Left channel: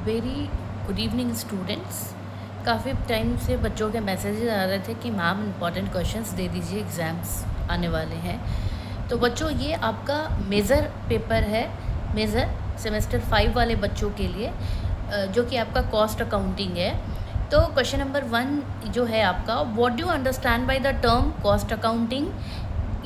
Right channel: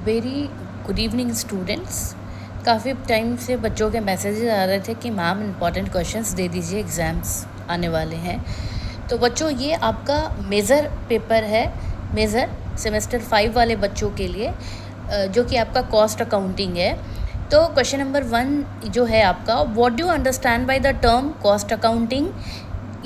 Very good evening students. काफ़ी time से बच्चों के मैसेजेस आ रहे थे कि मैम इम्पॉर्टेंट क्वेश्चंस दे दीजिए, एग्ज़ाम्स आने वाले हैं। तो बच्चों ये आपका मेज़र पेपर है, मेज़र सेमेस्टर 5 वाले बच्चों के लिए, जो कि आपका कॉस्ट अकाउंटिंग है। तो क्वेश्चन नंबर 1 जो है आपका, what do you understand by the term cost accounting,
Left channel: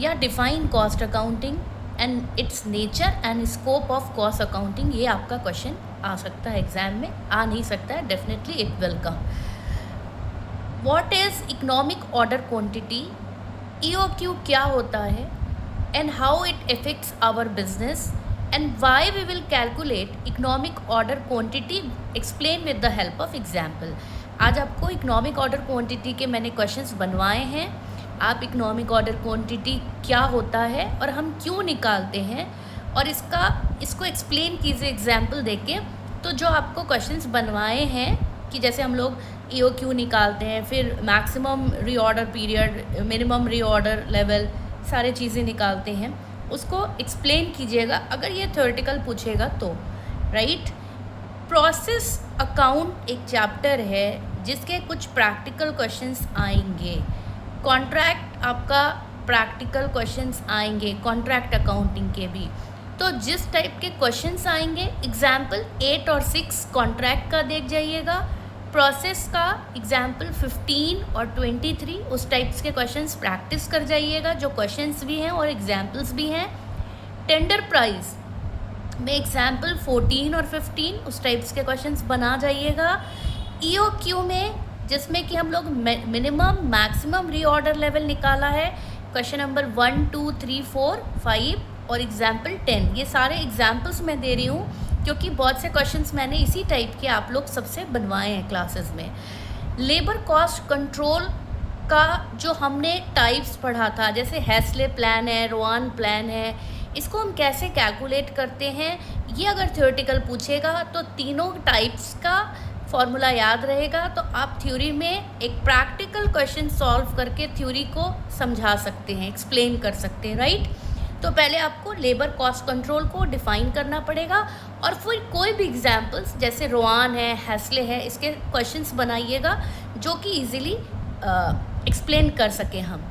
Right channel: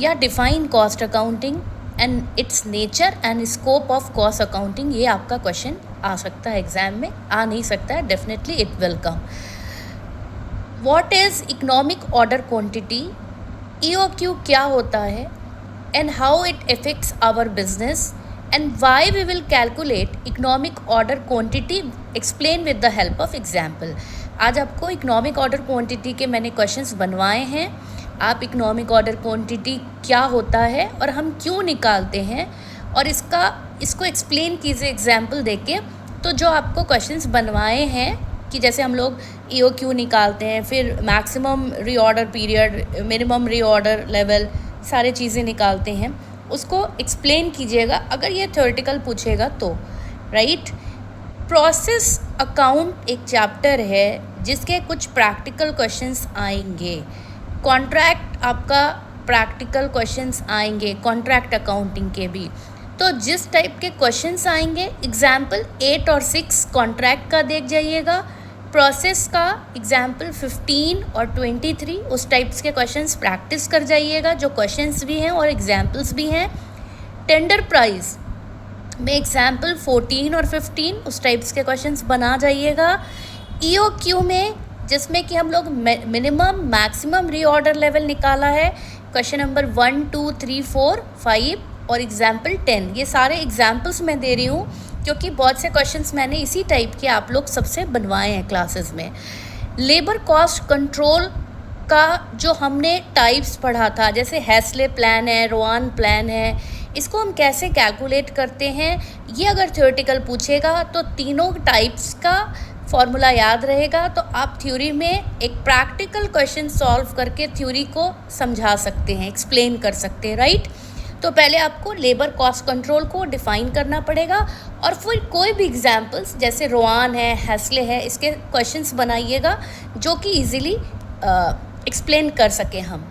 या define cost accounting and its nature and scope of cost accounting. ये आपका क्वेश्चन आ सकता है एग्जाम में, आ नहीं सकता है, definitely it will come. What is economic order quantity, EOQ क्या होता है, and how it affects our business, and why we will calculate economic order quantity, explain with the help of example. आज आपको economic order quantity के मैंने questions बनवाए हैं। आप इकोनॉमिक ऑर्डर क्वांटिटी क्या होता है और हम क्यों निकालते हैं, और इसको एक्सप्लेन कीजिए एग्जाम्पल देके। तो जो आपको क्वेश्चंस बनवाए हैं कि जैसे हम लोग EOQ निकालते हैं, फिर maximum reorder period, minimum reorder level, सारे चीज़ें निकालते हैं, उसको एक्सप्लेन कीजिएगा अगर ये थ्योरेटिकल पूछेगा तो, राइट। प्रोसेस अकाउंट एक चैप्टर है जिसके कुछ प्रैक्टिकल क्वेश्चंस आएंगे। कॉन्ट्रैक्ट आपका प्रैक्टिकल क्वेश्चंस आएंगे, कॉन्ट्रैक्ट अकाउंटिंग के भी। तो जिस टाइप के क्वेश्चंस आएंगे, एग्जाम्पल 8 और 6 कॉन्ट्रैक्ट का देख जाइएगा, प्रोसेस का एग्जाम्पल 15 और 23 उस टाइप्स के क्वेश्चंस प्रैक्टिस कर जाइएगा, जो क्वेश्चंस भी हैं और एग्जाम्पल्स भी हैं। टेंडर प्राइस में एग्जाम्पल 14 और 15 उस टाइप्स के क्वेश्चंस बना जाइएगा। EOQ में जिसमें कि हम लोग मिनिमम मैक्सिमम रीऑर्डर लेवल निकाला है, क्वेश्चन नंबर 1 2 3 4 5 और एग्जाम्पल 10, ये सारे एग्जाम्पल्स मैं दे रही हूँ क्योंकि बहुत से क्वेश्चंस मैंने इसी टाइप के आप लोग सबसे बनवाए हैं क्लासेस में। लेबर कॉस्ट कंट्रोल का जो हमने टाइप्स पढ़ा था, जैसे हैस्ले प्लान है, रोआन प्लान है, इसको हम कैसे कैलकुलेट करते हैं, ये अगर थ्योरेटिकल पूछेगा तो तीनों टाइप्स का फॉर्मूला याद रहेगा, तो आप थ्योरी में एक प्रैक्टिकल क्वेश्चन सॉल्व करके थ्योरी को समझा सकते हैं, एक्सप्लेन कर सकते हैं, राइट। तो पहले आपको लेबर कॉस्ट कंट्रोल को डिफ़ाइन करना पड़ेगा, और फिर कोई भी एग्जाम्पल्स जैसे रोआन है, हैस्ले है, इसके क्वेश्चंस बनाइएगा जो कि इजीली एक्सप्लेन कर सकें हम।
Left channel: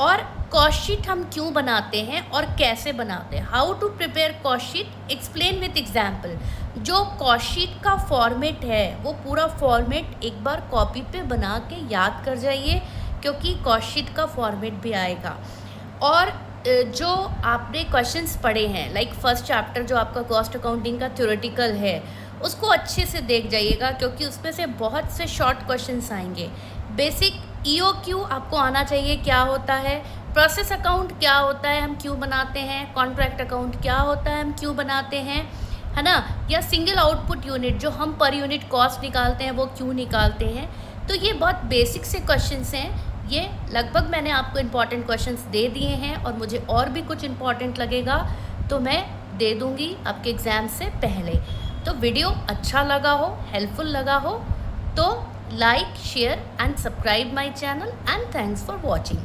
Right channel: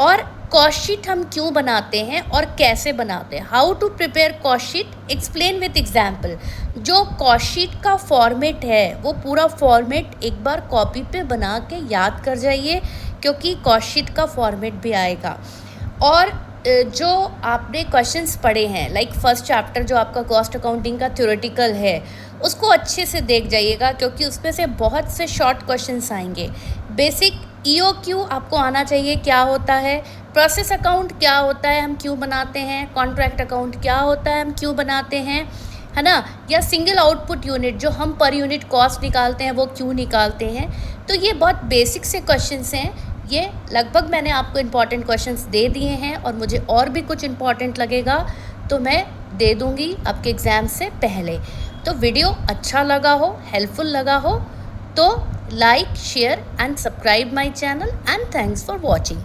और कॉस्ट शीट हम क्यों बनाते हैं और कैसे बनाते हैं, how to prepare cost sheet, explain with example. जो कॉस्ट शीट का फॉर्मेट है वो पूरा फॉर्मेट एक बार कॉपी पे बना के याद कर जाइए, क्योंकि कॉस्ट शीट का फॉर्मेट भी आएगा। और जो आपने क्वेश्चंस पढ़े हैं, लाइक फर्स्ट चैप्टर जो आपका कॉस्ट अकाउंटिंग का थ्योरेटिकल है, उसको अच्छे से देख जाइएगा, क्योंकि उसमें से बहुत से शॉर्ट क्वेश्चंस आएंगे। बेसिक EOQ आपको आना चाहिए, क्या होता है, प्रोसेस अकाउंट क्या होता है, हम क्यों बनाते हैं, कॉन्ट्रैक्ट अकाउंट क्या होता है, हम क्यों बनाते हैं, है ना, या सिंगल आउटपुट यूनिट जो हम पर यूनिट कॉस्ट निकालते हैं वो क्यों निकालते हैं। तो ये बहुत बेसिक से क्वेश्चंस हैं। ये लगभग मैंने आपको इम्पॉर्टेंट क्वेश्चंस दे दिए हैं, और मुझे और भी कुछ इम्पॉर्टेंट लगेगा तो मैं दे दूँगी आपके एग्ज़ाम से पहले। तो वीडियो अच्छा लगा हो, हेल्पफुल लगा हो तो like, share and subscribe my channel, and thanks for watching.